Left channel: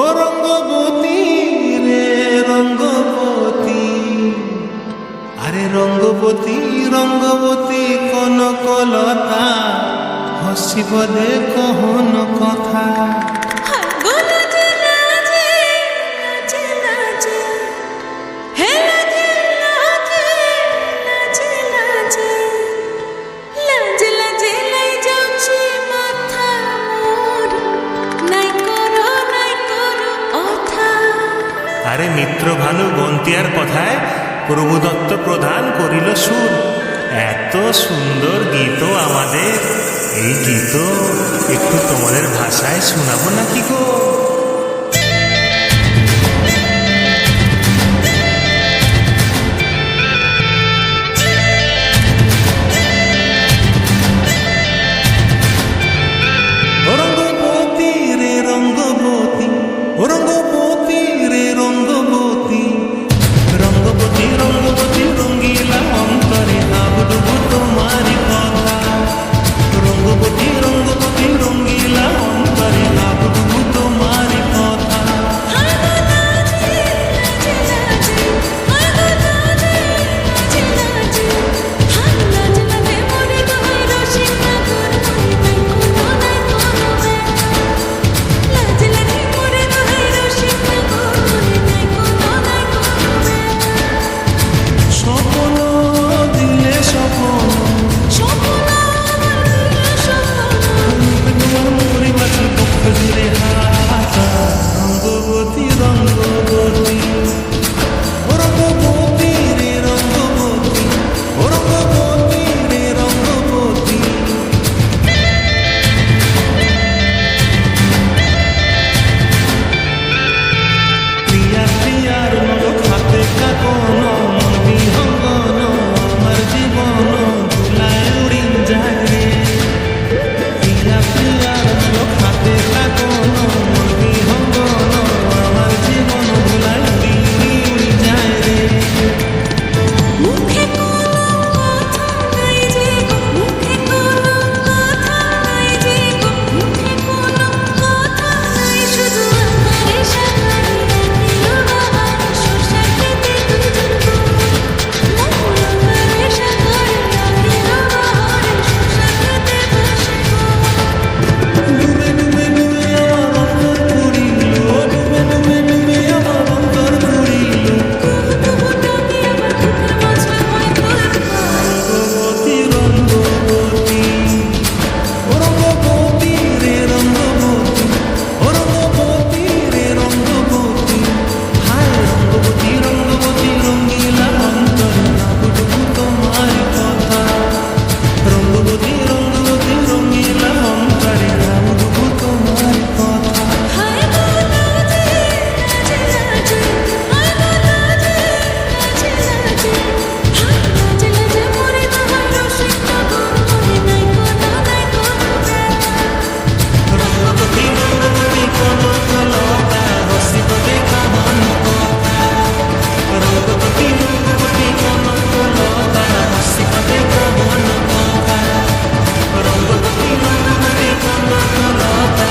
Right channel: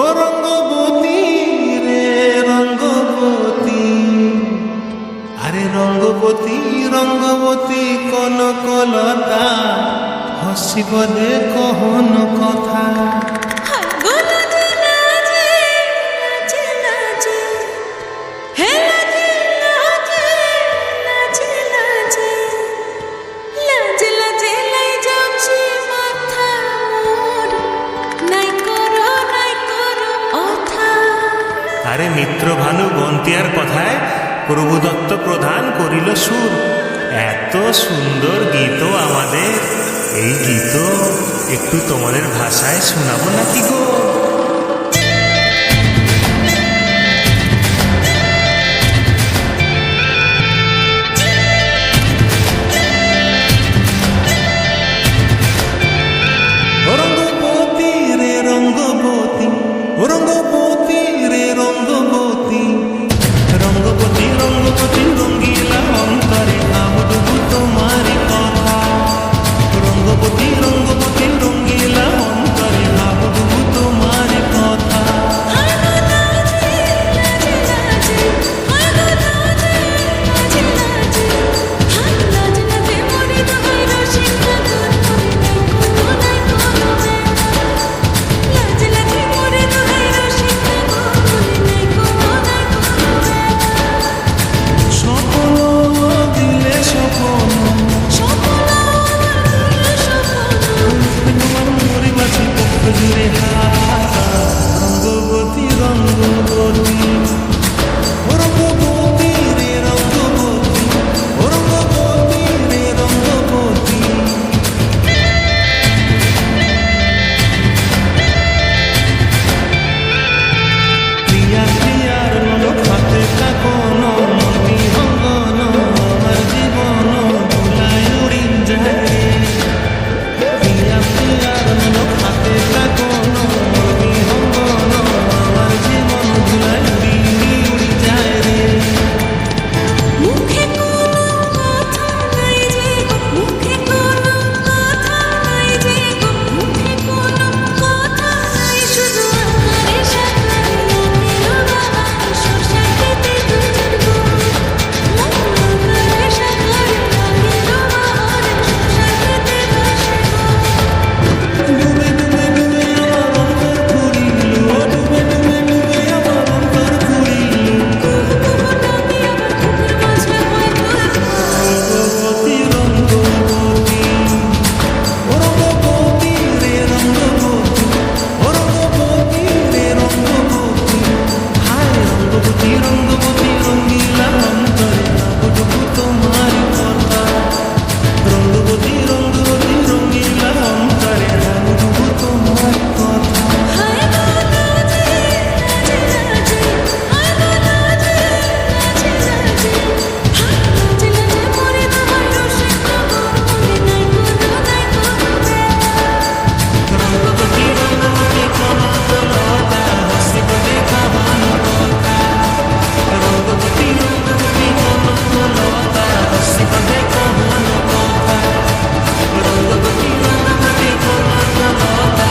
ও রঙ্গবতী রে রঙ্গবতী, আরে রঙ্গবতী রঙ্গবতী কনকলতা, হসিব দে কহন কথা। আরে মিত্র ভানু গন্তিয়ার কথায় প্রভুদত্ত প্রধান করিল সুর। এত সুন্দর গীত আমাদের, এই গীত একটু তোমাদের ভাষায় শোনাবো নাকি গো? রঙ্গবতী রে রঙ্গবতী, রঙ্গবতী রে রঙ্গবতী, রঙ্গবতী রঙ্গবতী রঙ্গিলা অন্তরে হাবুডুবু তোমারি কথা। রঙ্গবতী রঙ্গবতী রঙ্গিলা অন্তরে হাবুডুবু তোমারি কথা। স্বপ্ন দিলে স্বপ্ন, তোমার মরি মাছি পক্ষ জুড়ে হাতা। রঙ্গবতী রঙ্গবতী, ও রঙ্গবতী রে রঙ্গবতী, ও রঙ্গবতী রে রঙ্গবতী। প্রিয়া প্রিয়ার নলক হাতে কাকন, মন বিহঙ্গন আমার জীবন ধুলায় উড়ি যায় রে। প্রিয়া প্রিয়ার নলক হাতে কাকন, মন বিহঙ্গন আমার জীবন ধুলায় উড়ি উড়ি উড়ি যায় রে। মুখে কোনো কথা নাই যে গো, মুখে কোনো কথা নাই যে গো, মুখে কোনো কথা নাই, শুধু আকারে সাকারে একের বাহারে সরষার খেতে দুইজন গো। মন আকারে সাকারে একের বাহারে সরষার খেতে ভাসে গো। ডুবে ডুবে ডুবে আমার অন্তর ফুরিল, ডুবে ডুবে ডুবে আমার অন্তর ফুরিল। কুহু কুহু ডাকে আবার বুকের মাঝে হয় তোর পা। রঙ্গবতী রঙ্গবতী, ও রঙ্গবতী রে রঙ্গবতী, ও রঙ্গবতী রে রঙ্গবতী। হায় রঙ্গবতী রঙ্গবতী রঙ্গিলা অন্তরে হাবুডুবু তোমার কথা। রঙ্গবতী রঙ্গবতী রঙ্গিলা অন্তরে হাবুডুবু তোমার কথা। হায় গো লাজে লাজে লাজে, হায় গো লাজে লাজে লাজে, হায় লাজে লাজে মরে দোহাই রসিক নগর, মনে নাই কোনো ব্যথা। রঙ্গবতী রঙ্গবতী কনকলতা, হসিব দেখা হন কথা। রঙ্গবতী রঙ্গবতী কনকলতা, হসিব দেখা হন কথা। রঙ্গবতী রঙ্গবতী কনকলতা,